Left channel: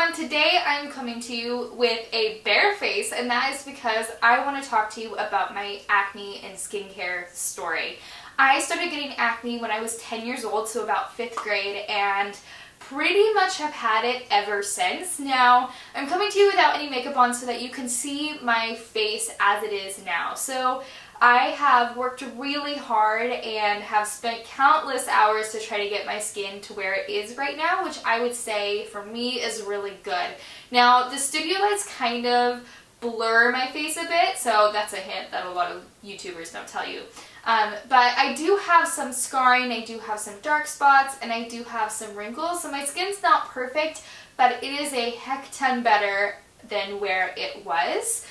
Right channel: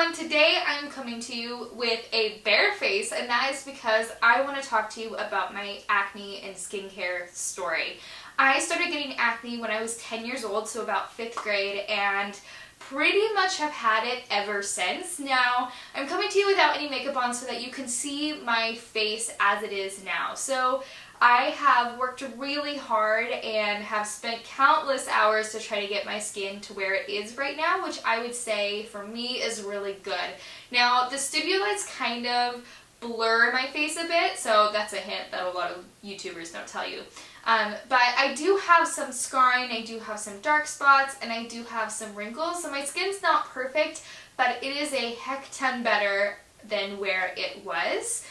everyone, today I'm coming to you with a bare face, and that is because I want to talk to you about my acne and skincare story. I started getting acne when I was 10 years old, so about 5th grade, and pretty much have had it ever since. Now, I'm coming to you without any makeup on so that you can see my face as it is now. So I have worked really hard and have spent countless hours to try to get my skin to where it is right now, which I would say for me is really good. Now, the studio lights kind of blur my face a bit, so that's a hint that a lot of YouTubers don't tell you. But I do have some scarring, I do have some dark spots, and I do have some wrinkles, so my skin's not perfect, but it is a heck ton better than where it was.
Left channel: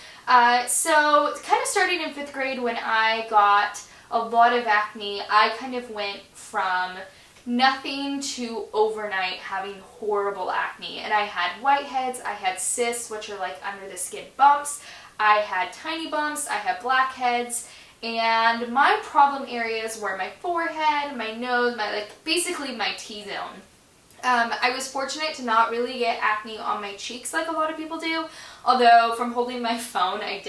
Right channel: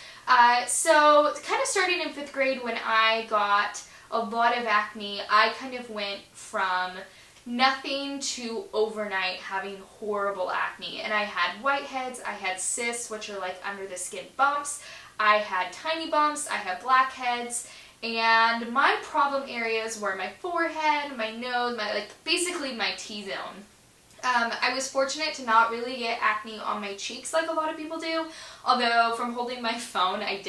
So kind of starting in 5th grade when I got a lot of acne, I kind of went from nothing to overnight having horrible acne. And I had whiteheads, I had cysts, which are like under the skin bumps, I had tiny bumps, I had blackheads, and my problem areas were my forehead, my nose, basically my T-zone. I was fortunate to not really get acne on my cheeks like a lot of people do, although from holding my phone I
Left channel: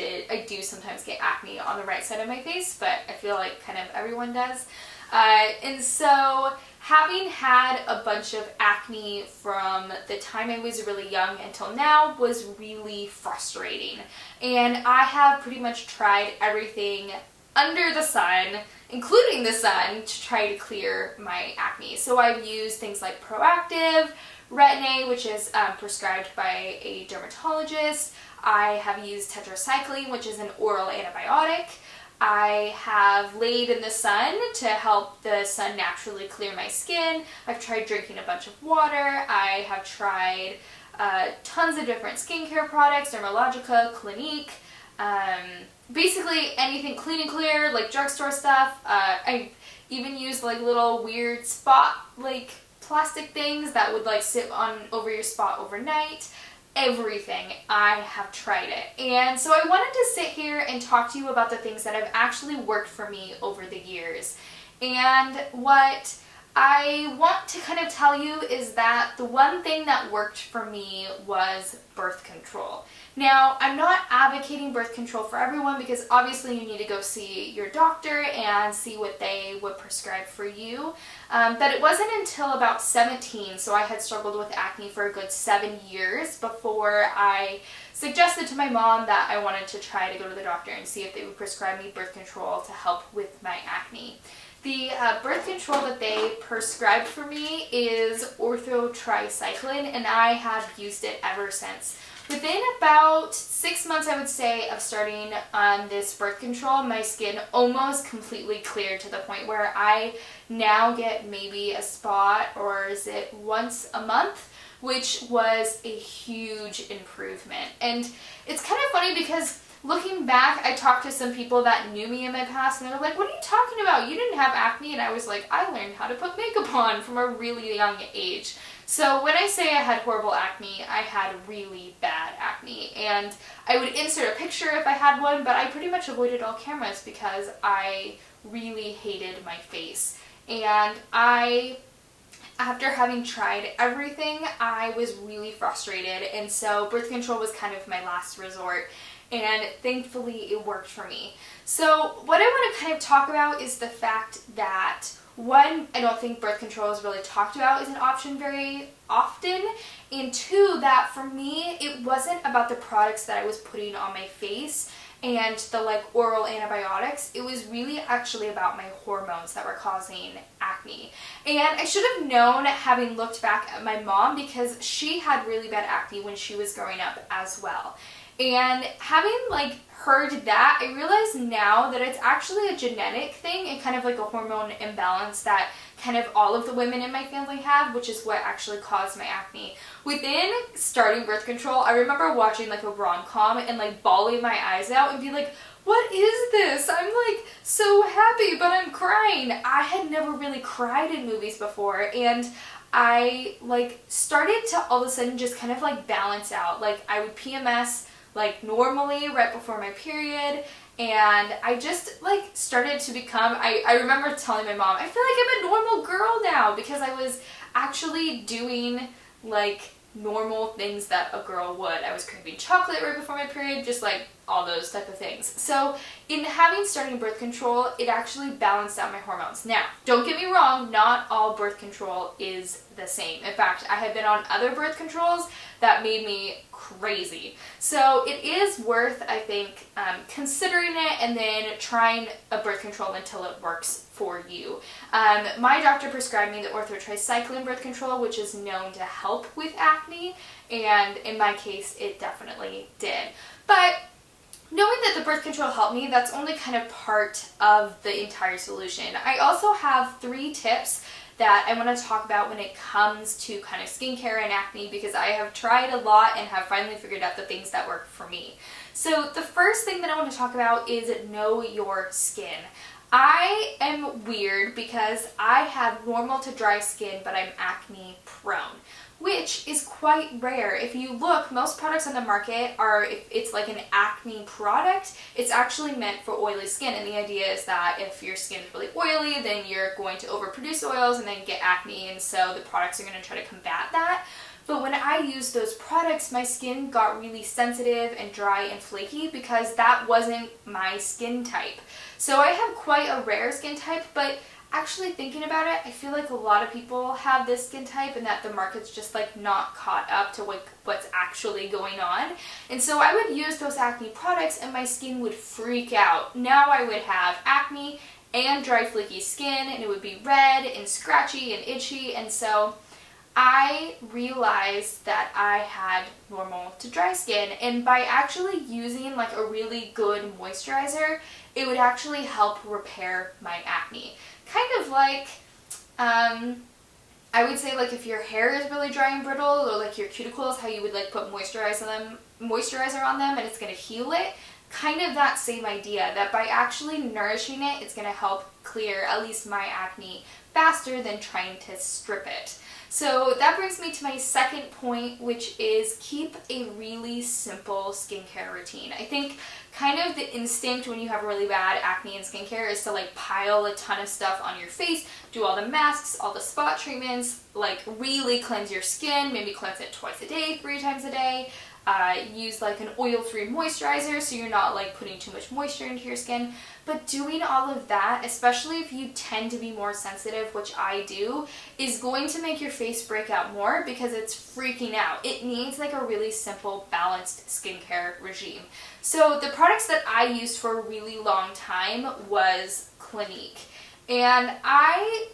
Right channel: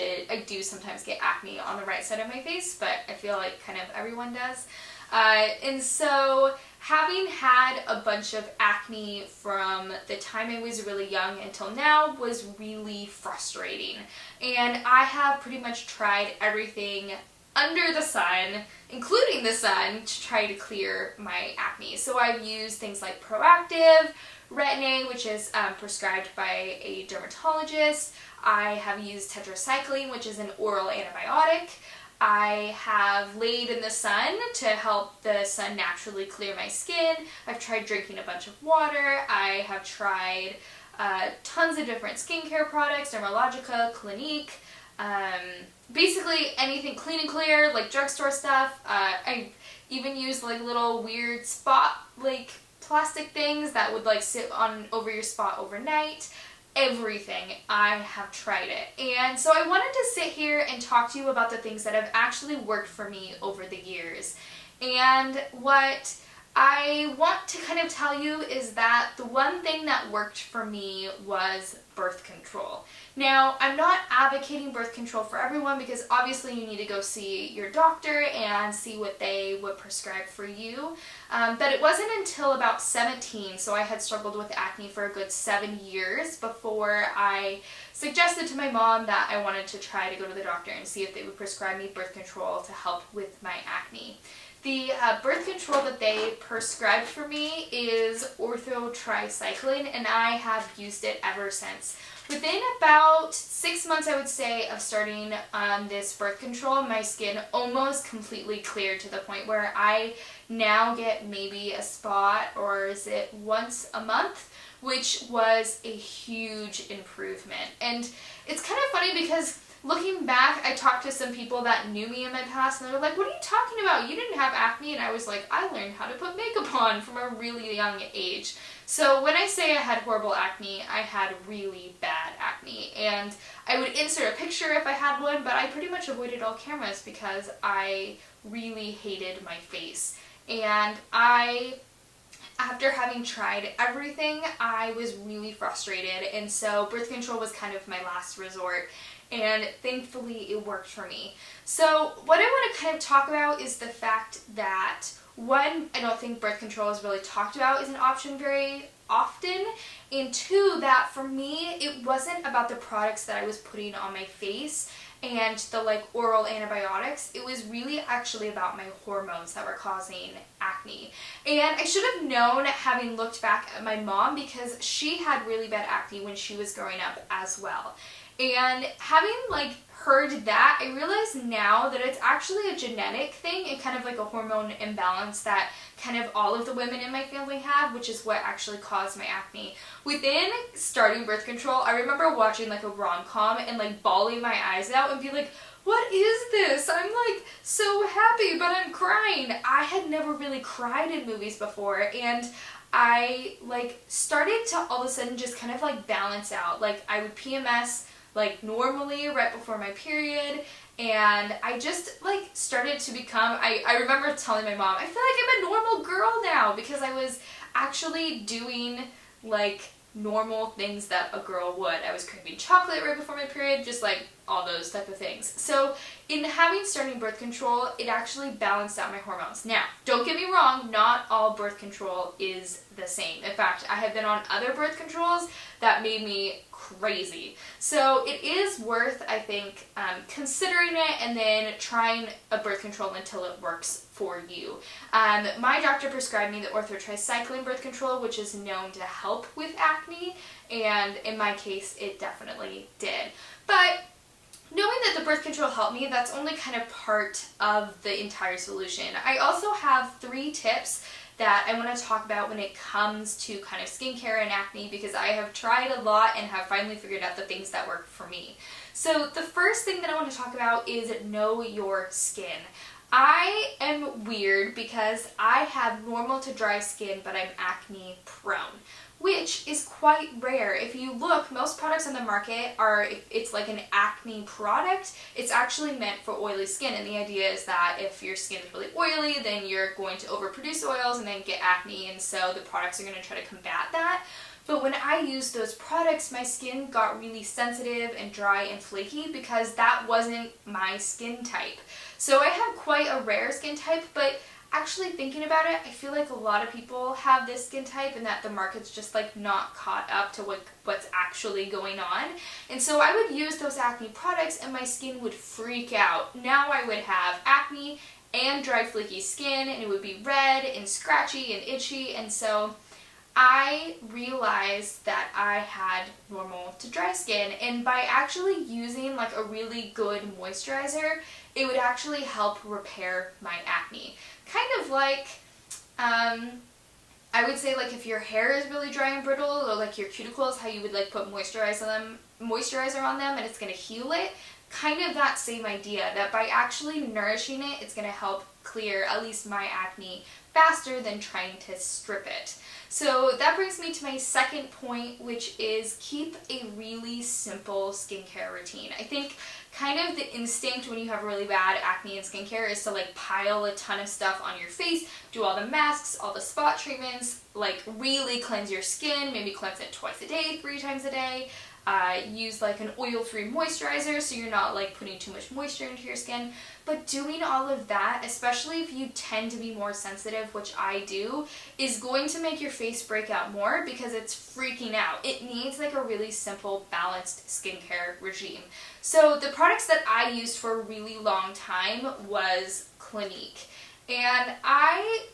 do sometimes get acne on the right side of my face, but I feel like kind of everyone does. And so having had a bunch of acne from the time I was really young until now was really frustrating. And I have pretty much tried everything under the sun, including the sun, to try to clear my acne. So I've used things like Proactive, Retin-A, which is prescribed by a dermatologist. I have used tetracycline, which is an oral antibiotic. I have laid in the sun to help the sun naturally clear my skin. I've tried drinking a bunch of water. I have tried tons of different skincare products, Dermalogica, Clinique, basically anything clean and clear, like drugstore stuff. I've even used like little weird spot like plastic things that would like sit on over your spot overnight. Everything. I have tried it. And so I wanted to sit here and talk to you about the things that have actually worked for me over the years. And what I want to kind of tell you is that the one thing that worked for me was birth control. Now, I'm not advocating birth control for everyone because obviously you need to go see your doctor and see what they would prescribe for you. But it wasn't until about 17, so I had struggled with acne for a good 7 years before I suggested to my mom that I wanted to try to go to the doctor and see if they would prescribe me birth control to help with my acne. The birth control that they prescribed for me is orthotricycline, and I have used it ever since. Within about 6 months, I would say, of starting on this birth control, my skin almost completely cleared to the point where I now get maybe a spot, or is it once a month, which was a huge improvement. And it's kind of funny because looking back, I talked to some people that knew me in my past, and they were like, "What are you talking about? You didn't have acne." And I was like, I learned how to put makeup on from a really young age. So when I say I had horrible acne, I had really bad acne. And I would insert a picture if I had one, but I pretty much avoided all cameras because I really hated my face. And after having tried everything, I was really frustrated. And so birth control was kind of my last resort. And thankfully it worked for me. So what I want to kind of talk about is the fact that, one, I don't think birth control is really talked about as an option very often, and two, that for me it wasn't about the products that I was putting on my face and the like oral antibiotics. It was really actually about my hormones that were causing acne. And I should have known, having looked back at my mom, because she had really bad acne when she was growing up as well. And having like heard that, I realize now that it's actually a genetic thing and kind of like a hormone imbalance that kind of all of the women in my family have, which is what actually caused my acne. Within starting birth control, I remember watching like a rom-com and like bawling my eyes out and be like, "What is this? I'm like so happy, but I'm crying." I had never really cried in movies before, and I like started to all of a sudden just kind of like balance out. Like I would PMS like normally right before my period, and I just like started to become, I remember telling my mom, I feel like I'm a normal girl now, because I was actually doing like normal things that a girl would. I was craving chocolate right before my period, just like all those type of things. So in starting birth control, it actually balanced out my hormones. Now, don't get me wrong, not all birth control is the same. In fact, I have been on other birth controls that made me crazy. So it is worth, I think, considering it and then trying a birth control until it works for you. My doctor prescribed me the orthotricycline birth control, which is known to help with acne, and in my case, it definitely did. But knowing that the birth control helped me, that's only kind of part of the entire solution. I also have 3 tips that I want to talk about when it comes to kind of skincare and acne, because I have tried a lot and have finally figured out the things that work for me. So the first thing that I want to talk about is know your skin. I am weird because I have normal to dry skin, but I'm acne prone, which is quite rare. If you look, most products on the market are, if it's like an acne product, it's actually meant for oily skin. And the idea is that if your skin is really oily, then you're going to overproduce oils and then get acne. And so the products are going to try to combat that. But when I used those products, my skin got really sensitive and dry and flaky because that wasn't my skin type. So I have quite a rare skin type, but actually thinking about it, I feel like a lot of people have this skin type and that the market's just like not caught up to what's actually going on. And so I would use those acne products and my skin would freak out. Now I would have acne and dry flaky skin, and it would be red and scratchy and itchy. And so I realized that I had normal to dry skin, and by actually using like a really good moisturizer, it would actually help repair my acne. Kind of like, I would say like if your hair is really dry and brittle, or like your cuticles, how you would like put moisturizer on them and it's going to heal it. Kind of that same idea, that by actually nourishing it, it's going to help clear at least my acne faster than trying to strip it. So that brings me to my second point, which is keep a really simple skincare routine. I think kind of the instinct when you have really bad acne and skincare is to like pile a ton of stuff on your face, do all the masks, all the spot treatments, like really cleanse your skin, maybe cleanse it twice a day, 3 times a day. Use like an oil-free moisturizer so you're not like putting too much moisture into your skin. But doing all of that, especially if you tend to be more sensitive, which I do, is going to make your face break out more because it's freaking out. It needs like a really simple, balanced skincare regime. So the products that I used for a really long time was Clinique. And I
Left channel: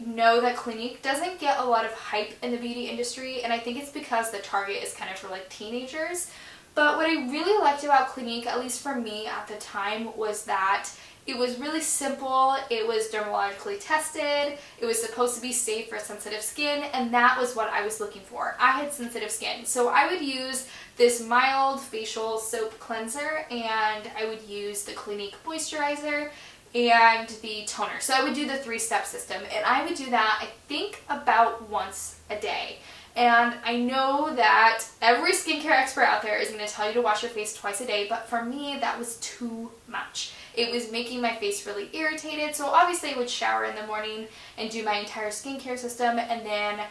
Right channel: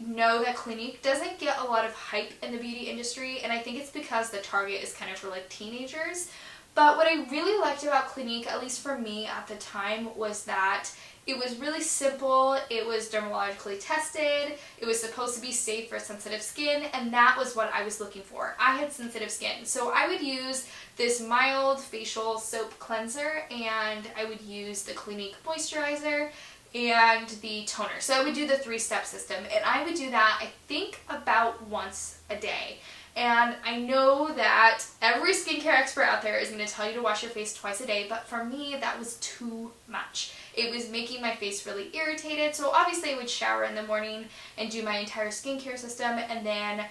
know that Clinique doesn't get a lot of hype in the beauty industry, and I think it's because the target is kind of for like teenagers. But what I really liked about Clinique, at least for me at the time, was that it was really simple, it was dermatologically tested, it was supposed to be safe for sensitive skin, and that was what I was looking for. I had sensitive skin, so I would use this mild facial soap cleanser, and I would use the Clinique moisturizer and the toner. So I would do the 3-step system, and I would do that I think about once a day. And I know that every skincare expert out there is going to tell you to wash your face twice a day, but for me that was too much. It was making my face really irritated, so obviously I would shower in the morning and do my entire skincare system, and then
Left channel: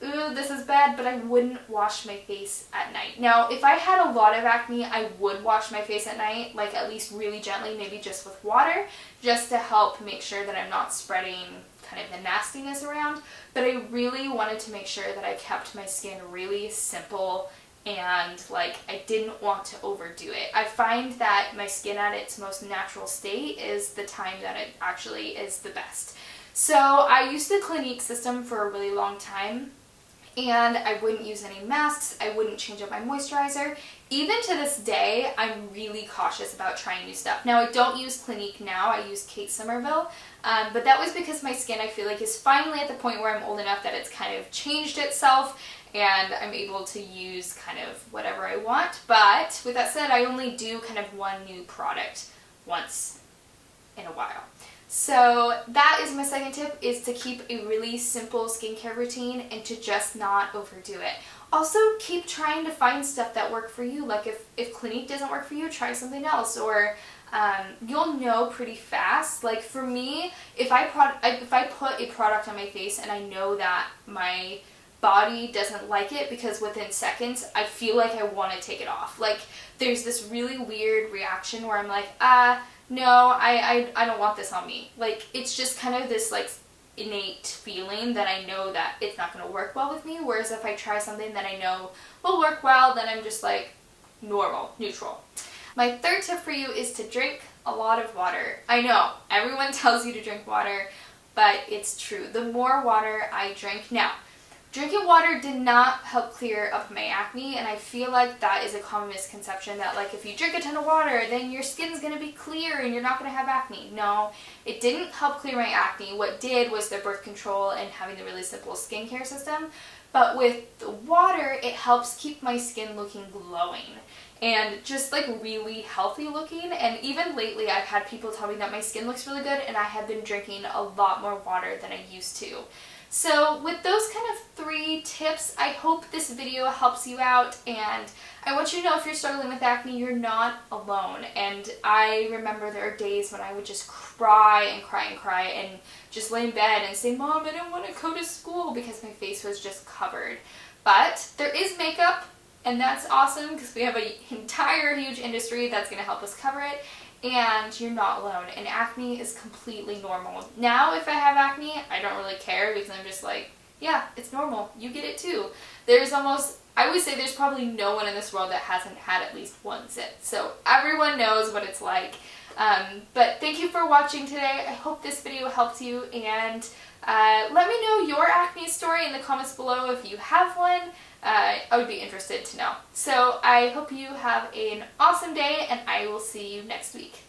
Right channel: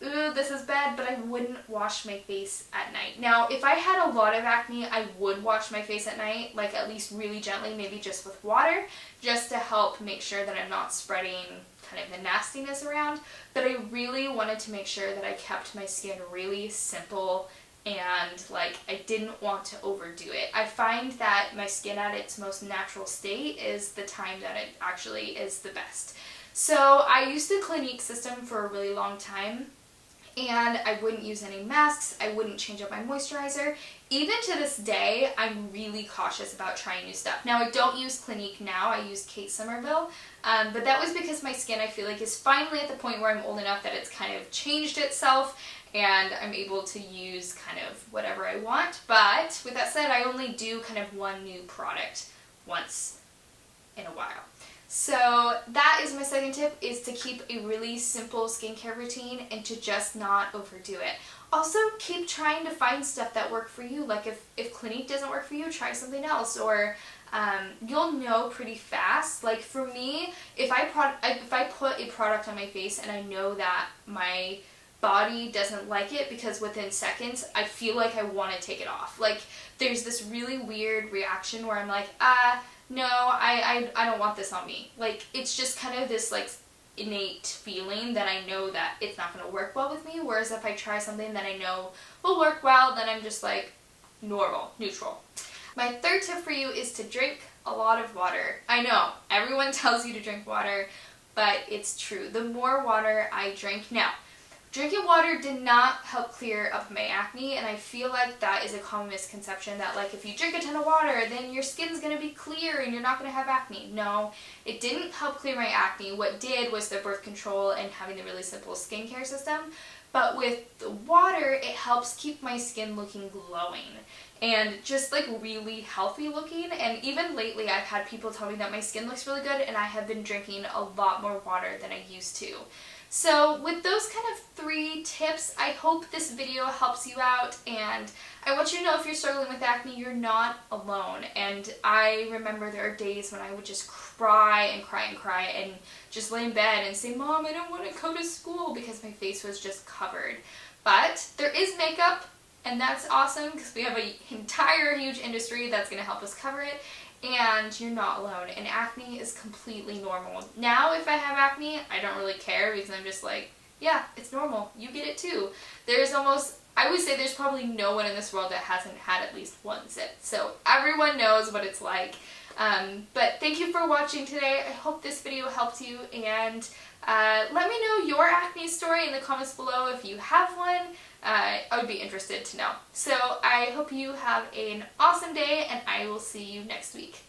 ooh, this is bad, but I wouldn't wash my face at night. Now, if I had a lot of acne, I would wash my face at night, like at least really gently, maybe just with water, just to help make sure that I'm not spreading kind of the nastiness around. But I really wanted to make sure that I kept my skin really simple and like I didn't want to overdo it. I find that my skin at its most natural state is the time that it actually is the best. So I used the Clinique system for a really long time, and I wouldn't use any masks, I wouldn't change up my moisturizer. Even to this day, I'm really cautious about trying new stuff. Now, I don't use Clinique now, I use Kate Somerville, but that was because my skin, I feel like, is finally at the point where I'm old enough that it's kind of changed itself, and I'm able to use kind of whatever I want. But with that said, I only do kind of one new product once in a while. So that is my second tip, is to keep a really simple skincare routine and to just not overdo it. Also, keep trying to find stuff that work for you. Like if Clinique doesn't work for you, try something else, or you'll know pretty fast. Like for me, if I put a product on my face and I know that my body doesn't like it because within seconds I feel like I want to take it off. Like there's this really weird reaction where I'm like, no, I don't want this on me. Like it's just kind of this like innate feeling that I know that it's not going to work well with me, whereas if I try something that I know will work well, then I'm just like normal, neutral. My third tip for you is to drink a lot of water. I know, everyone tells you to drink water, but it's true. The more water I drink now, drinking water did not help clear up my acne, and I feel like that is a common misconception that like if you drink a ton of water, then your skin's gonna be clear and you're not gonna have acne. No, it didn't help clear my acne. What did was the birth control and having the really simple skincare system. But with the water, it helps keep my skin looking glowing and just like really healthy looking. And even lately, I've had people tell me that my skin looks really good, and I have been drinking a lot more water than I used to. So with those kind of 3 tips, I hope this video helps you out, and I want you to know if you're struggling with acne, you're not alone. And I remember there are days when I would just cry and cry and cry and just lay in bed and say, Mom, I don't want to go to school, because my face was just covered. But there is makeup, and that's awesome because we have an entire huge industry that's going to help us cover it. And you're not alone, and acne is completely normal. Now if I have acne, I don't really care because I'm just like, yeah, it's normal. You get it too. I would say there's probably no one in this world that hasn't had at least one zit. So everyone knows what it's like. But thank you for watching today. I hope this video helped you, and let me know your acne story in the comments below if you have one. I would be interested to know. So I hope you have an awesome day, and I will see you next week.